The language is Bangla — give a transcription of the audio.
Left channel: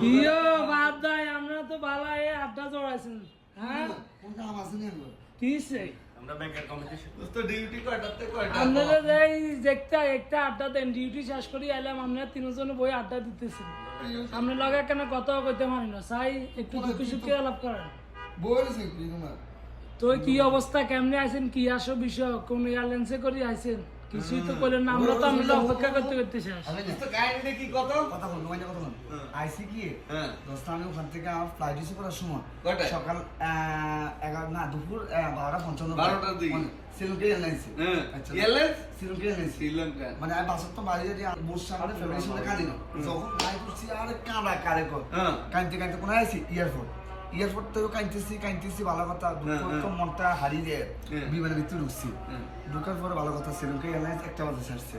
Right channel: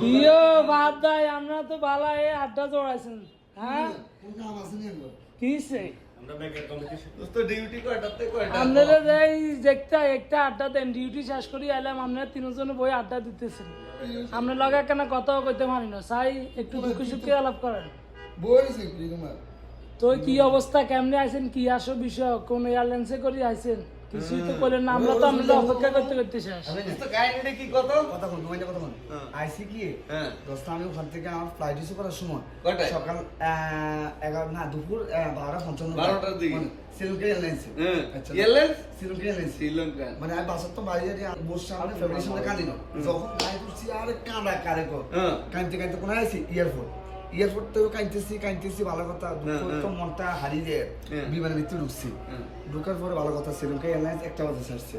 কিও বাদ দাই আমরা তো বালা এ আড্ডা জড়াইছেন হ্যাঁ কোন কাম আছে না এলো কিসে আমরা ব্যাংকের কমিটি তো ডিউটি কয়টাতে কয়টা আপনারা এই একটা একটা আড্ডা দেন ডিউটি শেষ করি এলাম আমরা তিনজনে বই আড্ডা দিতেছি আমরা লাগা কেন কথা কইতে পারি না চাই একটু দুঃখে সুখে আলাপ করেন বলছে কি তোমার তো কি অবস্থা কেমনে আছেন কি আসো বিষয় কোন এয়ারলাইন্সে করে আইছেন কিছুই তো বলেন না আমরা তো আমরা অপেক্ষা করতে করতে শেষ তো কাহিনীটা কি কত কথা বল তোমার কথা বল হ্যাঁ। আইসি কি হ্যাঁ। দোস্ত আমি ওখান থেকে আমার ফ্লাইট ইস্যু করার সময় কয়টায়? সকাল 11 না দুপুর 12:55 12টার দিকে? শ্রীলঙ্কা এয়ারলাইন্স হ্যাঁ। আচ্ছা এয়ারলাইন্স? শ্রীলঙ্কা এয়ারলাইন্স শ্রীলঙ্কা মানে আমি বাসার তো বাইরে যে বসে আমরা ফ্যামিলির সঙ্গে কাঁদি না যখন গাড়ি করছি আরে কাঁদা কারে কর হ্যাঁ। কাঁদতে কাঁদতে কোন আইসি এয়ারপোর্ট তো কাঁদতেছি ভালো কথা দুঃখ তো মনটা হারিয়ে যায় হ্যাঁ। বিমানের ভিতরে ঢুকছি হ্যাঁ। ঢুকার পরে ভালো কথা শ্রীলঙ্কা এয়ারলাইন্স 1টা বাজে ছাড়ছে